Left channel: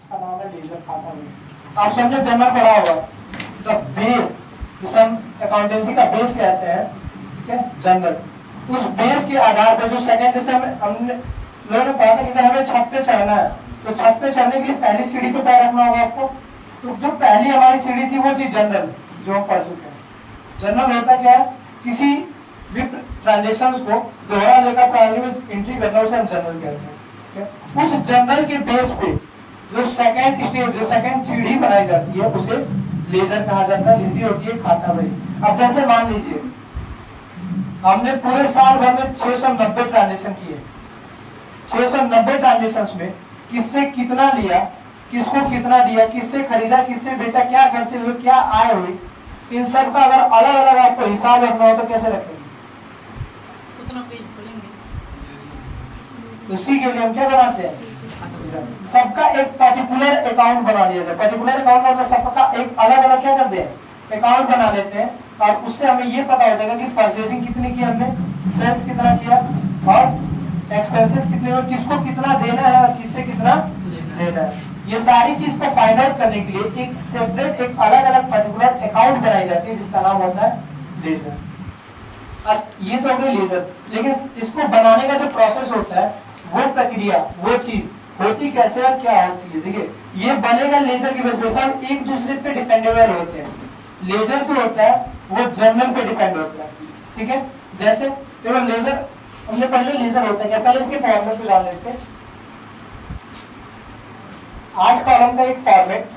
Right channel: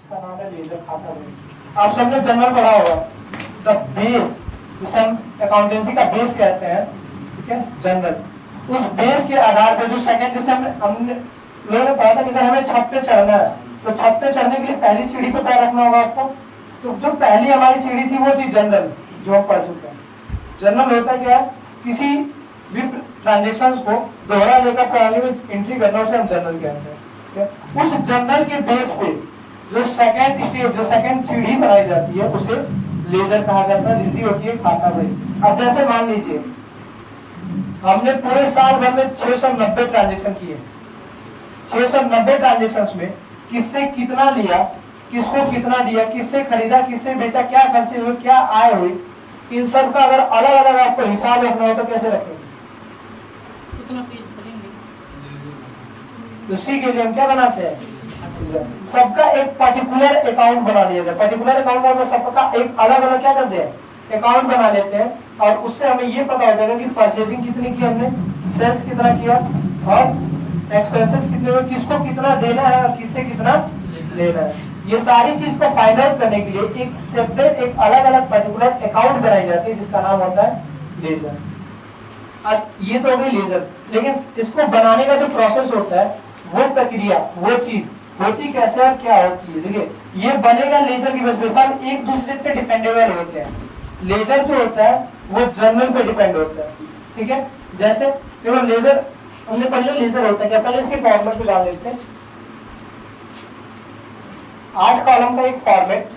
इसका नाम है लेजर खाता बही। आप सबने जनरल पढ़ा होगा, द बेस, जिसे हम अकाउंटेंसी का बेस कहते हैं, ठीक है, जनरल। उस बेस के आधार पर जो सेकंड, जैसे हमने लोगों ने पढ़ा था कि अगर हमें छत पे चढ़ना है तो छत पे चढ़ने के लिए पहली सीढ़ी पे पैर रखना होगा आपको। तो जो पहली हमारी सीढ़ी थी वो थी जनरल, जो हम पढ़ चुके हैं। जनरल होता क्या है, किसी भी ट्रांजेक्शन को दोहरा लेकर प्रणाली में एंट्री करना, उसे हम जनरल कहते हैं। उस जनरल के बेस पे जो सेकंड स्टेज, जो सेकंड सीढ़ी बनाई जाती है, उसे लेजर कहा जाता है, हिंदी होती है खाता बही। अब जैसे मान लीजिए हमने पूरे साल भर में 690 ट्रांजेक्शन किए, 690 ट्रांजेक्शन में किससे कितना लिया, किसको कितना दिया, किससे खरीदा, किससे बेचा, क्या खर्चे हुए, क्या आय हुई, इन सब का अगर अलग अलग आपको हिसाब रखना हो तो कैसे रखेंगे? उसी के लिए हम क्या बनाते हैं, सबका एक पर्टिकुलर अकाउंट बना लिया जाए। पर्टिकुलर अकाउंट मतलब सबका एक अलग अलग क्या करते हैं, अकाउंट बना लेते हैं, और उससे हमें ये पता हो जाएगा कि परचेजिंग कितनी की हमने, सेल्स कितना किया, और एक्सपेंसेस कितने हुए, किसको कितना देना है और किससे कितना लेना है। ये सारी चीज को फाइंड आउट करने के लिए एक सेपरेट, एक अलग अलग पर्टिकुलर अकाउंट बनाई जाती है, जिसका नाम होता है लेजर। अब ये तो हो गई लेजर, लेकिन इसको बनाने का जो प्रोसेस होता है, वो प्रक्रिया, वो चीज होती कैसे और क्या होती है। देखिए, ये बनेगा लेजर की वजह से, हम एक दूसरे पे डिपेंडेबल होते हैं। लेजर जो होता है वो जनरल पे डिपेंड होता है, ठीक है। जैसे देखो लेजर, हमने पहले लेजर होता है क्या, पहले इसके फॉर्मेट को जान लेते हैं। 8 कॉलम का एक format,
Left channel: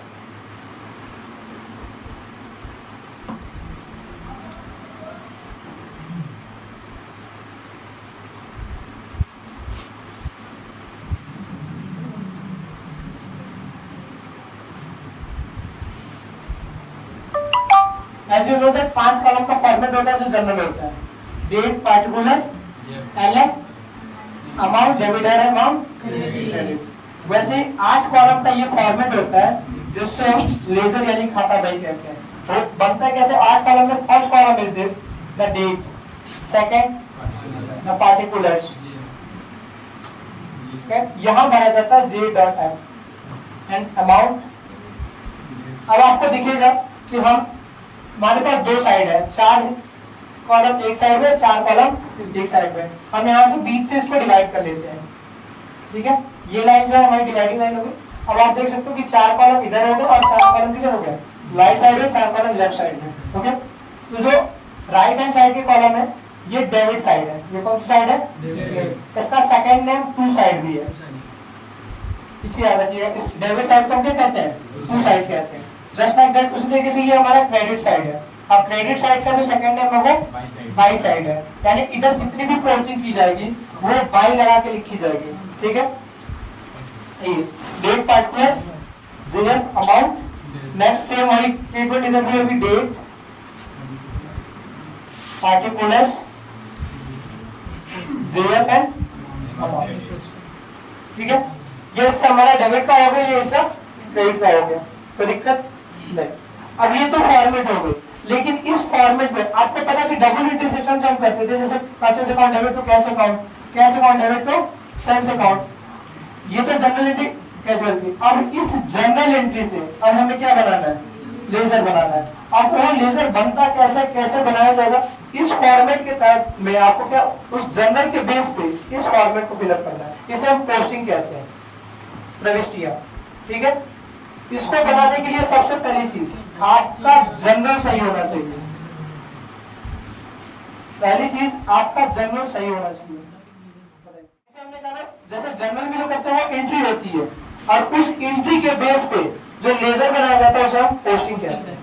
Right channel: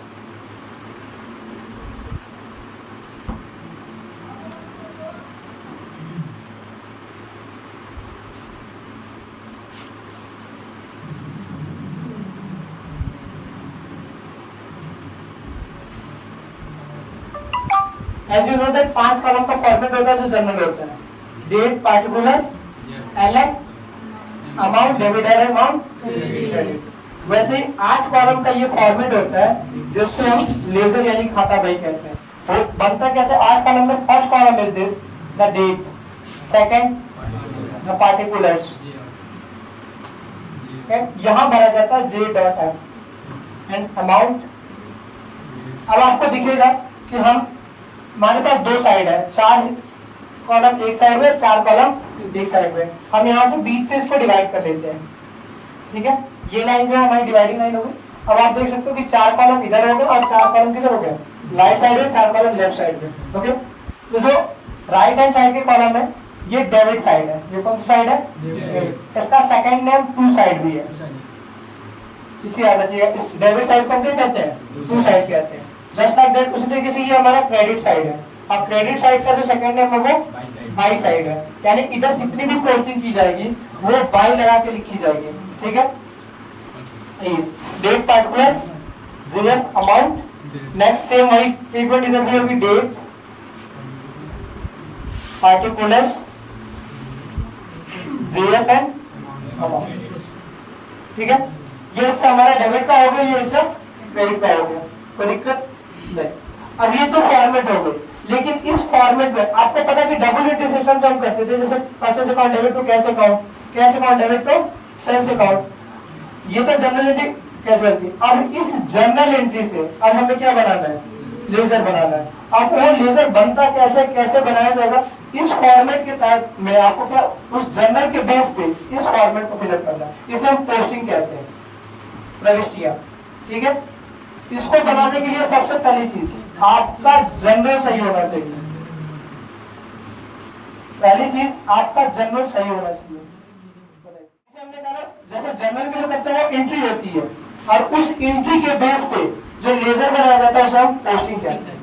as you know that 5 column का फॉर्मेट होता है जो जनरल होता है, date, particulars, LF, amount, debtor amount, credit. वैसे 8 कॉलम का ये फॉर्मेट होता है जिससे हम लेजर यानी खाता बही कहते हैं। तो बनता है कैसे, 8 कॉलम में first column is this, the date, second the particulars, यहां भरा जाता है J dot I, and amount. अब आपको दिखेगा कि हम, हमारे पास 2 साइड है, 4 कॉलम एक साइड में, 4 कॉलम एक साइड में। हम यहाँ से बीच से इसको डिवाइड कर लेते हैं, ठीक है। ये लाइन जो है हमारी डिवाइडिंग लाइन होगी। अब आप देख सकते हो कि 4 कॉलम इधर हो गए और 4 कॉलम किधर हो गए, राइट साइड में, 4 कॉलम लेफ्ट साइड में, ओके। तो जो राइट हैंड साइड के कॉलम है ये डेबिट साइड है। ये कौन सी साइड है, इसका सेकंड नेम टू साइड भी है, इसी याद रखिएगा। इस डेबिट साइड को हम क्या कहते हैं, टू साइड कहते हैं। जस्ट लाइक दैट, उसी तरीके से ये हमारा क्रेडिट साइड है। अब क्रेडिट साइड का जो सेकंड नेम है वो बाई साइड है, यानी इधर जितनी भी पोस्टिंग की जाएगी वो बाई लगा के लिखी जाएगी, ठीक है। Date, particulars, zero, amount, next same वही ट्रीटमेंट, इधर भी होगी date, particulars, GF and amount, ठीक है। ये इससे हमारा डेबिट का हो गया, ये इससे क्रेडिट का हो गया, कोई दिक्कत नहीं। अब ये तो फॉर्मेट हो गई, लेकिन इस फॉर्मेट में आपको पता कि डबल एंट्री सिस्टम जो हम करते थे, जैसे purchase account debit to cash account, cash account debit to sales account, ये तो जनरल एंट्री कैजुअल थी। अब इस जनरल एंट्री से अब हमें क्या बनाना है, लेजर बनाना है। अब वो लेजर बनता कैसे, कैसे बनाया जाएगा, इस फॉर्मेट के तहत में आपको क्या, उस जनरल के बेस पे इस फॉर्मेट को फिलअप करना है। इसे हम पोस्टिंग कहते हैं, प्रविष्टियां, ठीक है। इसको बनाने के लिए सबसे पहली चीज आपका जनरल सही होना चाहिए। पहली चीज आपका जनरल सही होना चाहिए। हमने कहा जैसे जनरल में जो करते हैं वो एंट्री होती है, और उस एंट्री के बेस पे जो लेजर बनाया जाता है उसे हम पोस्टिंग कहते हैं,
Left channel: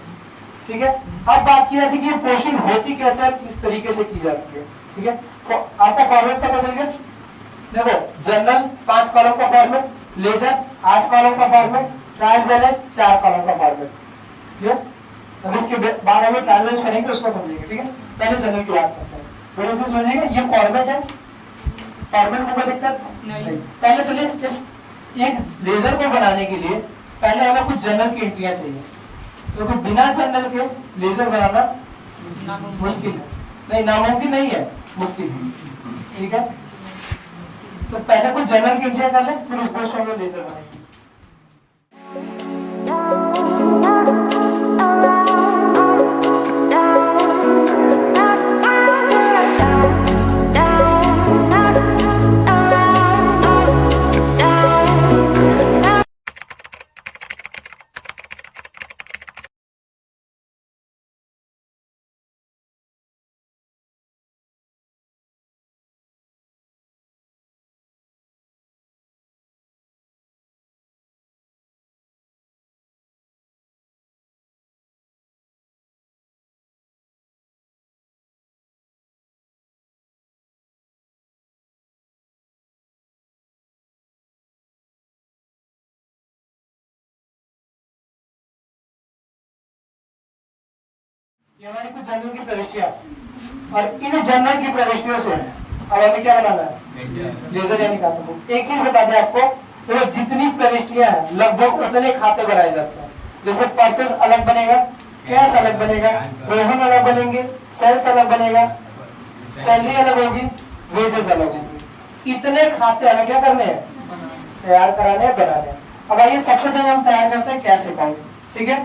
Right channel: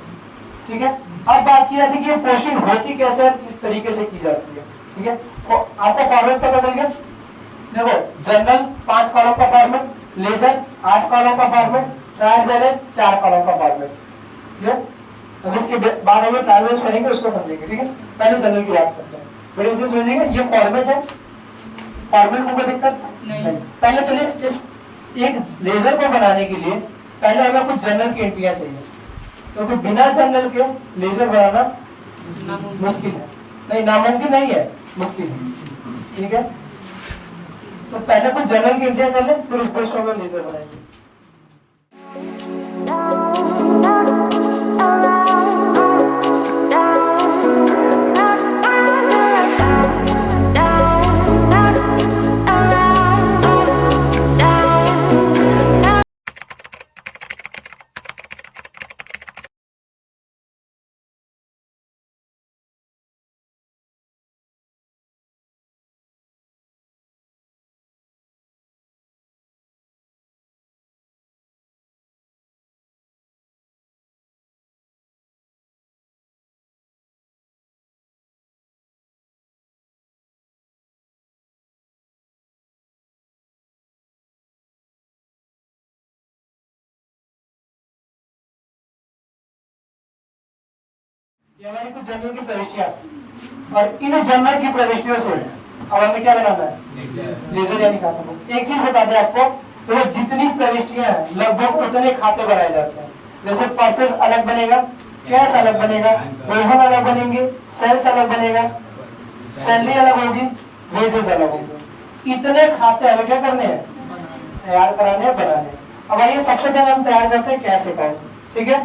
ठीक है। अब बात की जाती है कि ये पोस्टिंग होती कैसे है, किस तरीके से की जाती है, ठीक है। तो आपका फॉर्मेट पता चल गया। देखो जनरल 5 कॉलम का फॉर्मेट, लेजर 8 कॉलम का फॉर्मेट, ट्रायल बैलेंस 4 कॉलम का फॉर्मेट, ठीक है। अब इसके बाद हमें ट्रायल बैलेंस करेंगे, उसको समझेंगे, ठीक है। पहले जनरल की बात करते हैं, फिर इसे समझेंगे। ये फॉर्मेट है, फॉर्मेट में कोई दिक्कत नहीं। पहले चलिए इस एक लेजर को बनाने के लिए पहले हमें कुछ जनरल की एंट्रियां चाहिए, क्योंकि बिना जनरल के लेजर बनाना मुश्किल है, नहीं नामुमकिन नहीं है, मुश्किल है, ठीक है। तो पहले कुछ जनरल की एंट्रियां कर ले, फिर उसको हम लेजर बनाएंगे। ये हमारी कुछ जनरल की प्रविष्टियां, और इन जनरल की प्रविष्टियों से अब हमें क्या बनाना है, लेजर यानी खाता बुक। एक चीज बता दें आपको, तो जितनी प्रविष्टियां हैं लगभग उतने खाते बनाए जाते हैं। जैसे परचेस अलग बनेगा, कैश अलग बनेगा, रोहन अलग बनेंगे, सेल्स अलग बनेगा, सैलरी अलग होगी, वेजेस अलग होंगे। इतने खाते हमें क्या करने हैं, तैयार कराने हैं, बनाने हैं। अब आइए सबसे पहले हम तैयार करते हैं कैश अकाउंट, ठीक है।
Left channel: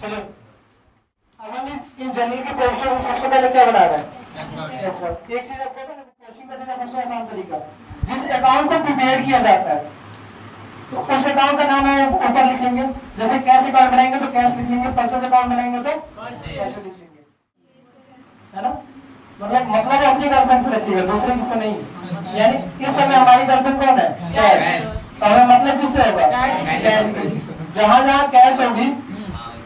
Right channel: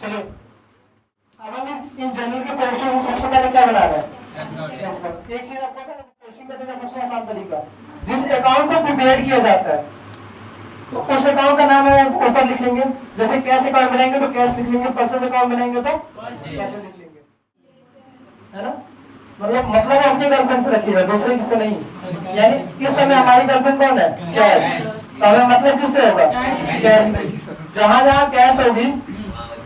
चलिए अब हम इन जनरल की पोजीशन में सबसे पहले क्या बना रहे हैं, एक चीज आपको पता है, पोस्टिंग करने का सबसे आसान तरीका, जिस अकाउंट को प्रिपेयर किया जाता है तो उस अकाउंट का नाम है ऊपर लिख लेंगे। जैसे कैश अकाउंट बनाएंगे तो कैश लिख लेंगे, परचेज अकाउंट बनाएंगे तो कैश लिख लेंगे, है ना। मतलब अपनी गर्लफ्रेंड से रखिएगा, दूसरे किससे नहीं। यानी इस समय हमारी गर्लफ्रेंड कौन है, कैश, तो हमें मतलब किससे होगा, कैश। जहां जहां कैश होगी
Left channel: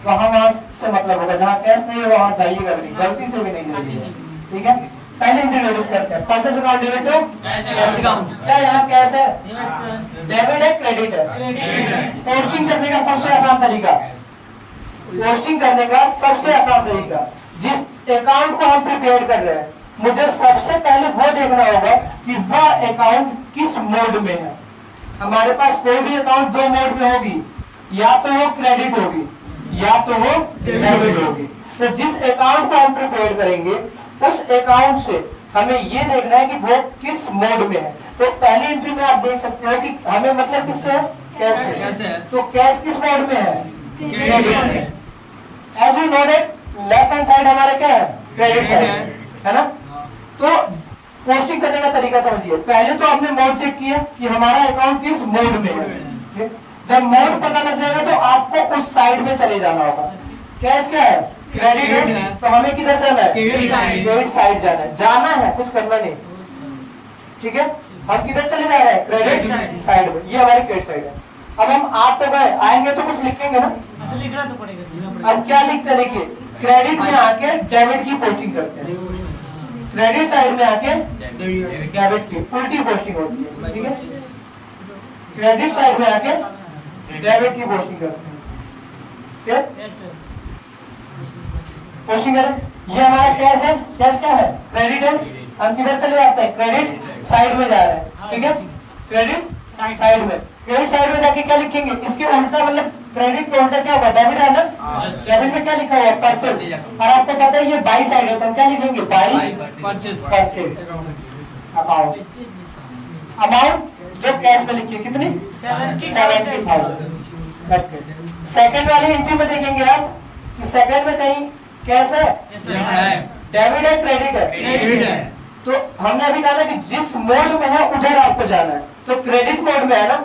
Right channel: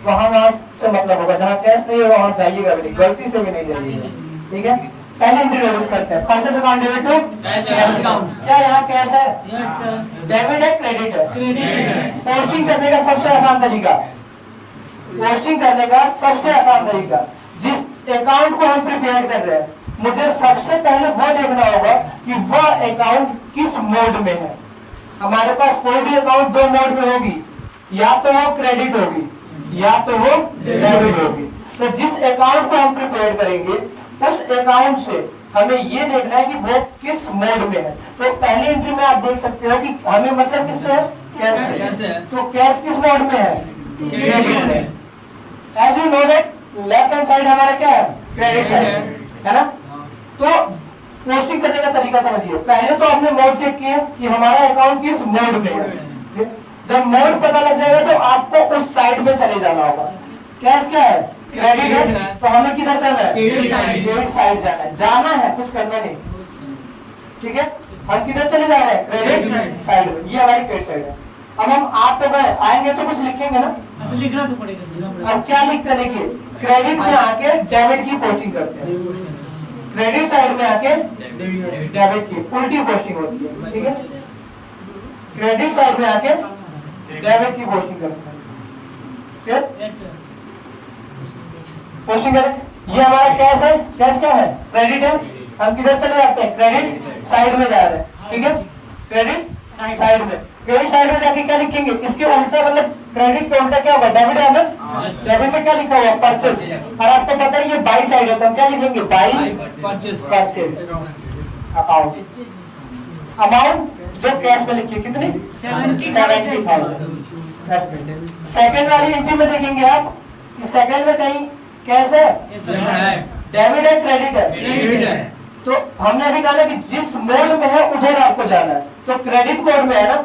वहां से मतलब होगा, जहां कैश नहीं होगा वहां जाइएगा नहीं, गलती से भी नहीं जाइएगा, ठीक है। पहले एंट्री नोटिस करते हैं, purchase account debit to cash account. क्या यहाँ कैश है, यस सर, डेबिट है, क्रेडिट है। पोस्टिंग करने का सबसे आसान तरीका, पोस्टिंग करने का सबसे आसान तरीका, जिस अकाउंट को हम प्रिपेयर कर रहे हैं मुझे सबसे पहले वो देखना होगा कि वह अकाउंट किस मोड में है। हमारे पास कोई भी अकाउंट दो मोड में होगी, या तो वो क्रेडिट होगी या तो वो डेबिट होगी। तो जिस अकाउंट को हम प्रिपेयर करेंगे उस अकाउंट से हमें ये देखना है कि वो किस मोड में है। तो पहली एंट्री में आप देख सकते हो कि हमें मतलब किससे है, कैश से। तो कैश किस मोड में है, क्रेडिट में। As we know that left hand side हमारा क्या है, क्रेडिट साइड है ना। तो पोस्टिंग करने का तरीका समझिए, पहले तो हमने मोड चेक किया कि हमारा अकाउंट किस मोड में है। जब मोड पता लग जाएगा तो आपको उस साइड में चले जाना होगा। कैश क्या है, क्रेडिट है, तो हमें किधर जाना है, क्रेडिट साइड जाना है, कुछ करना नहीं, ठीक है। हम किधर चले जा रहे हैं, क्रेडिट साइड, ये हमारी क्रेडिट साइड है। अब हम आप तो गए आएंगे तो कुछ लिखेंगे ना, लिखना तो पड़ेगा। अब क्या लिखते हैं, देखिए क्रेडिट में आके डेबिट की पोस्टिंग करते हैं, क्रेडिट साइड में आके डेबिट की उल्टी पोस्टिंग होती है, ठीक है। क्रेडिट साइड में आके डेबिट की पोस्टिंग करते हैं, पोस्टिंग करें। ये हमारा कैश है, कैश क्या है, क्रेडिट है, हम किधर चले जाते हैं, क्रेडिट साइड में जा रहे हैं, ठीक है। क्रेडिट साइड में, क्रेडिट साइड में जाके क्या लिखेंगे, इसके उल्टा मतलब क्रेडिट का उल्टा क्या होगा, डेबिट है ना। डेबिट में क्या लिखा हुआ है, परचेज, और आपको पता है ये बाई साइड है, तो हम क्या लिखेंगे, बाई परचेज अकाउंट। अमाउंट जो कैश में लिखिए कितनी, 70,000। सेकंड वाली एंट्री में देखेंगे आप कि सेकंड में कहीं कैश है, डेबिट है, क्रेडिट है। तो हमने अभी कहा कि जिस मोड में है उधर आपको जाना है, तो क्रेडिट मोड में है ना,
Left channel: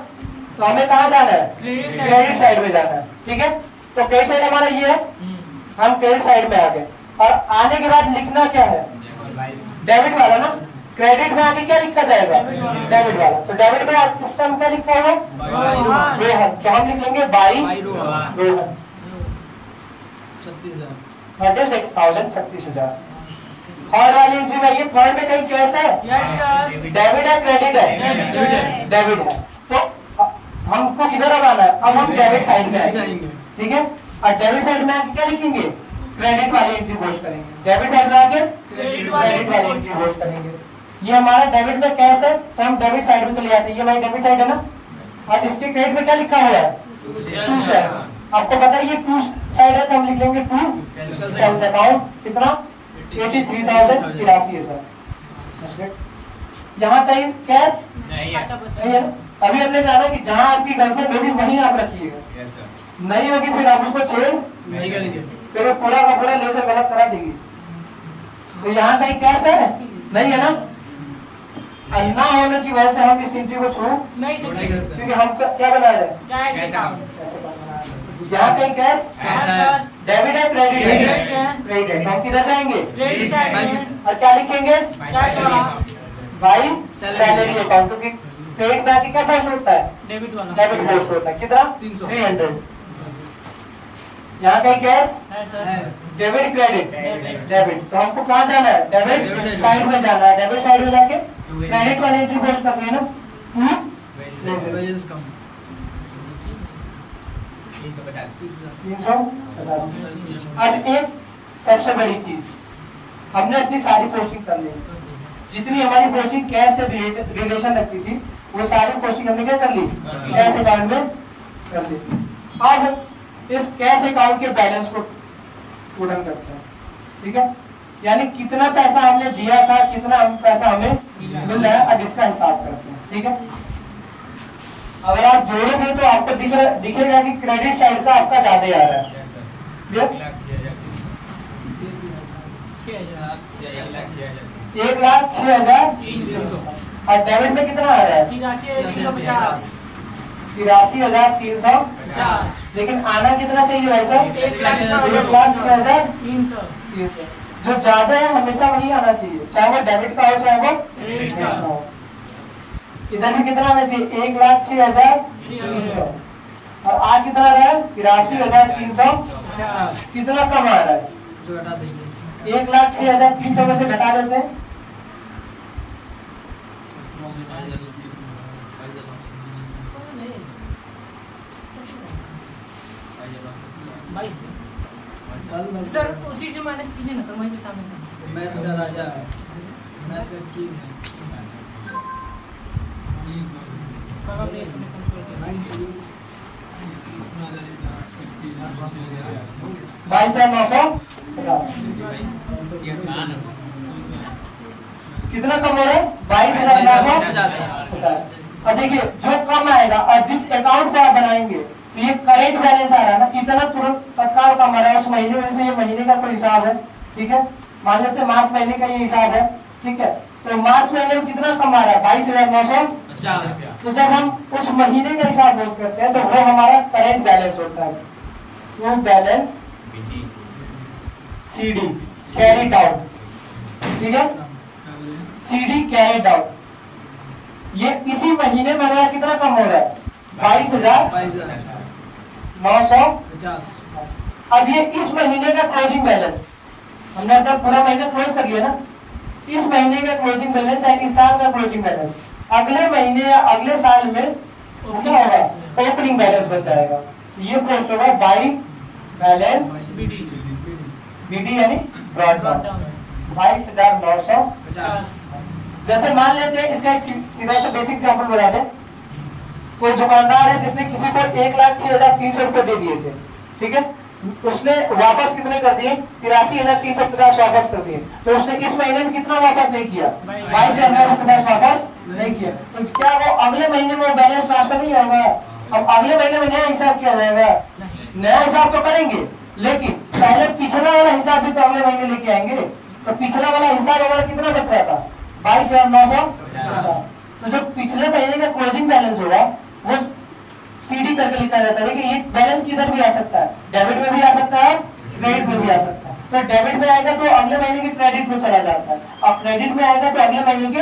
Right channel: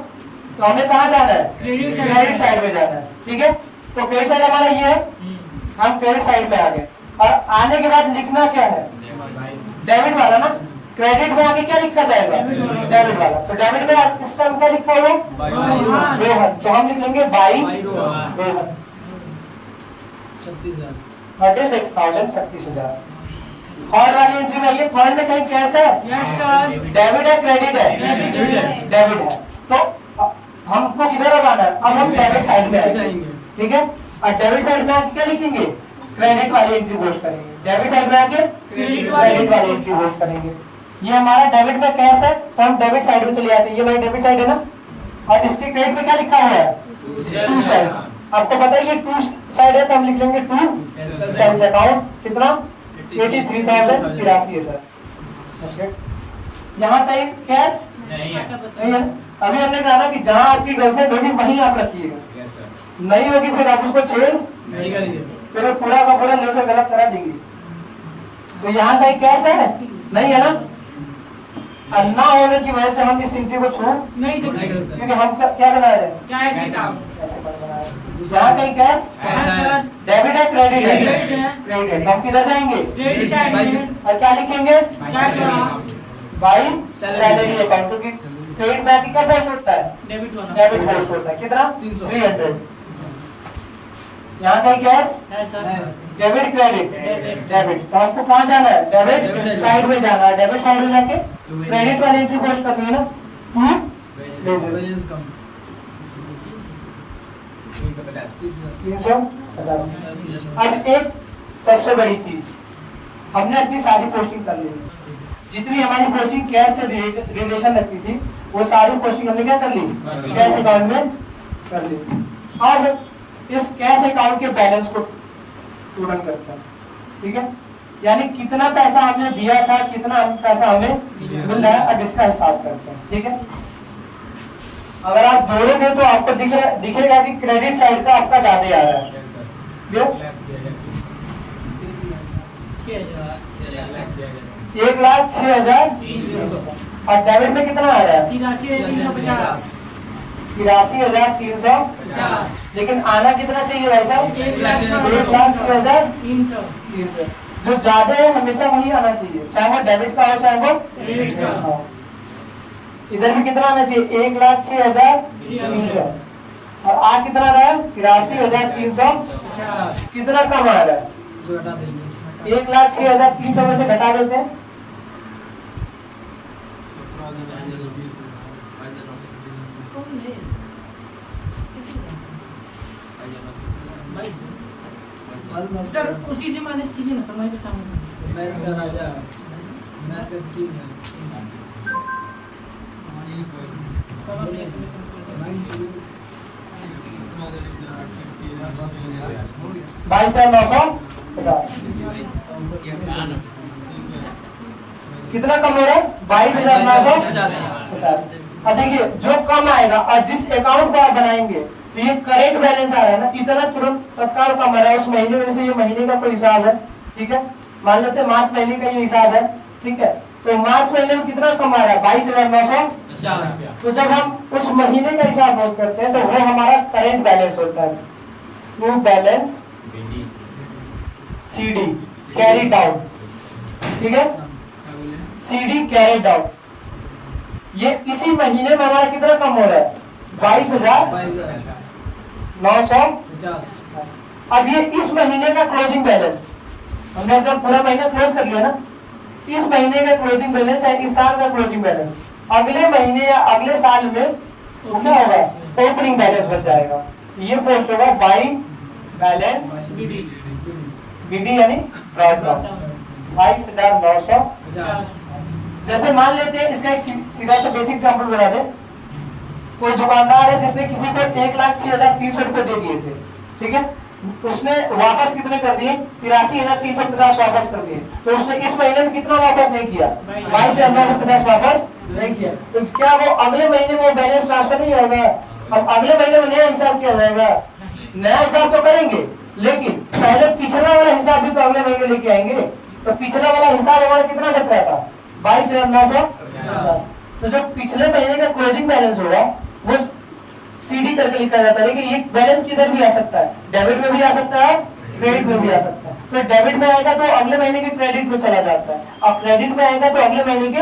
तो हमें कहाँ जाना है, क्रेडिट साइड में जाना है, ठीक है। तो क्रेडिट साइड हमारा ये है, हम क्रेडिट साइड में आ गए, और आने के बाद लिखना क्या है, डेबिट वाला ना। क्रेडिट में आगे क्या लिखा जाएगा, डेबिट वाला। तो डेबिट में इस टाइम क्या लिखा हुआ, रोहन, तो हम लिख लेंगे बाई रोहन, 36,000। थर्ड वाली एंट्री में, ये थर्ड में कहीं कैश है, डेबिट है, क्रेडिट है, डेबिट है। तो हमको किधर अब आना है, अब हम डेबिट साइड में आएंगे, ठीक है। और डेबिट साइड में आके क्या लिखेंगे, क्रेडिट वाली एंट्री पोस्ट करेंगे, डेबिट साइड में आके क्रेडिट वाली एंट्री पोस्ट करेंगे। ये हमारा डेबिट में कैश है, तो हम डेबिट साइड में चले जाते हैं, ये भाई डेबिट साइड है ना। और इसके क्रेडिट में क्या लिखा हुआ है, टू सेल्स। आपको पता है ये टू साइड है, तो हम लिख लेंगे टू सेल्स अकाउंट, कितना 83,083 है सर। यहाँ कहीं कैश नहीं है, अभी हमने कहा ना कि जहां आपकी गर्लफ्रेंड होगी वहीं आप रखिएगा, नहीं होगी फिर आप उसको छेड़ नहीं करेंगे, फिर वो पूरा का पूरा लेजर गलत करा देगी। तो यहाँ कहीं कैश है नहीं है ना, और ना होने की वजह से हम इस एंट्री को छोड़ नहीं सकते क्योंकि हम क्या बना रहे हैं, कैश यहाँ कहीं कैश डेबिट है क्रेडिट है, क्रेडिट है, हम किधर जाएंगे क्रेडिट साइड और क्या लिखेंगे कैश वाला बाई सैलरी अकाउंट, क्योंकि क्रेडिट बैंक क्या पोस्ट होता है, डेबिट वाला डेबिट पोस्ट होता है कितना 300 300। यहाँ कहीं कैश है sir, debit credit debit. Debit, तो हमको कहाँ जाना है डेबिट डेबिट साइड में जाना है, डेबिट साइड में जाके क्रेडिट वाली एंट्री पोस्ट करनी है ना। वैलेंस कम 350। अब एक सबसे बड़ी चीज, हमने अपनी सारी पोस्टिंग कर ली, जितनी हमारी पोस्टिंग कैश से रिलेशन रखती थी वो सारी पोस्टिंग हमने क्या कर ली कैश अकाउंट में कर ली। अब इस कैश अकाउंट के बैलेंस को टोटल करते हैं, ठीक है, यानी कितना पैसा हमने दिया था कितना पैसा हमें मिल रहा है, अब इसका हिसाब करते हैं, ठीक है। अगर आप जोड़ेंगे तो आपको दिखेगा कि क्रेडिट साइड का आपका ज्यादा आ रहा है, 1,06,300 और डेबिट में कितना आ रहा है 83,350 83,350, लेकिन आना कितना चाहिए भाई साहब 1,06,300। 300 जो ज्यादा है हमेशा वही आना चाहिए, चाहे वो डेबिट का हो चाहे वो क्रेडिट का हो। इधर भी कितना आना चाहिए 1,06,300 और आ कितना रहा है 83,350, कितना कम आ रहा है जो घटा देंगे 1,06,300 में से घटा देते हैं, सर उसी से माइनस कीजिए ना सर, वहीं पे सामने सामने मैथ का राजा, मैथ का किंग है। बाईस है 950, कितना कम हो रहा है 22,950। अब देखिए जो कम आएगा और जिस अकाउंट को आप बनाएंगे तो ये करेंट बैलेंस आ रहा है ना, इतना तुरंत तत्काल कम आ रहा है, उस महीने में से ये महीने का कोई हिसाब है, ठीक है, मान लेते हैं मार्च महीने का ये हिसाब है, ठीक है, तो मार्च महीने में कितना कम आ रहा है 22,950। तो जब हम उस महीने का हिसाब नोट करते हैं तो वो हमारा करेंट बैलेंस होता है, true balance CD carried out, ठीक है, CD कैरिड आउट, ये इसी महीने में हमारा कितना कम हो रहा है 22,950। अब ये इस महीने का क्लोजिंग बैलेंस हमने अपना पूरा महीना क्लोज कर लिया ना, इस महीने का क्लोजिंग बैलेंस है इस साल का क्लोजिंग बैलेंस, अगले महीने या अगले साल में क्या होगा ओपनिंग बैलेंस बन जाएगा, ये पोस्ट होगा बाई बैलेंस BD यानी ब्रॉड डाउन 22,950। जैसे मान लेते हैं इसका एक सीधा सा बेसिक एग्जांपल बता दें, कोई दुकानदार है जिसने किसी को 1,06,300 रुपए दे दिए थे, ठीक है, उसने वापस कितने कर दिए 83,350 वापस कर दिए, तो उसने इस महीने में कितना वापस नहीं किया 22,950 वापस नहीं किया, तो क्या वो अगले महीने में वो बैलेंस ट्रांसफर नहीं होगा, अब अगले महीने में नया हिसाब किया जाएगा, नया हिसाब तो करेंगे लेकिन पहले पिछला वाला हिसाब भी तो अगले महीने लेके आएंगे, तो पिछला वाला हिसाब हमारा कितना बच रहा था 22,950, तो जो पिछले महीने का क्लोजिंग बैलेंस होगा वो CD करके लिखा जाता है, लेकिन ये बैलेंस किधर भी आ सकता है, डेबिट में भी आ सकता है क्रेडिट में भी आ सकता है, तो डेबिट में आएगा तो अगले महीने के क्रेडिट में चला जाता है और क्रेडिट में आएगा तो अगले महीने के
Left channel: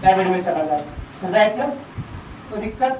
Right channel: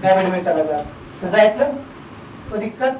डेबिट में चला जाता है, तो दिक्कत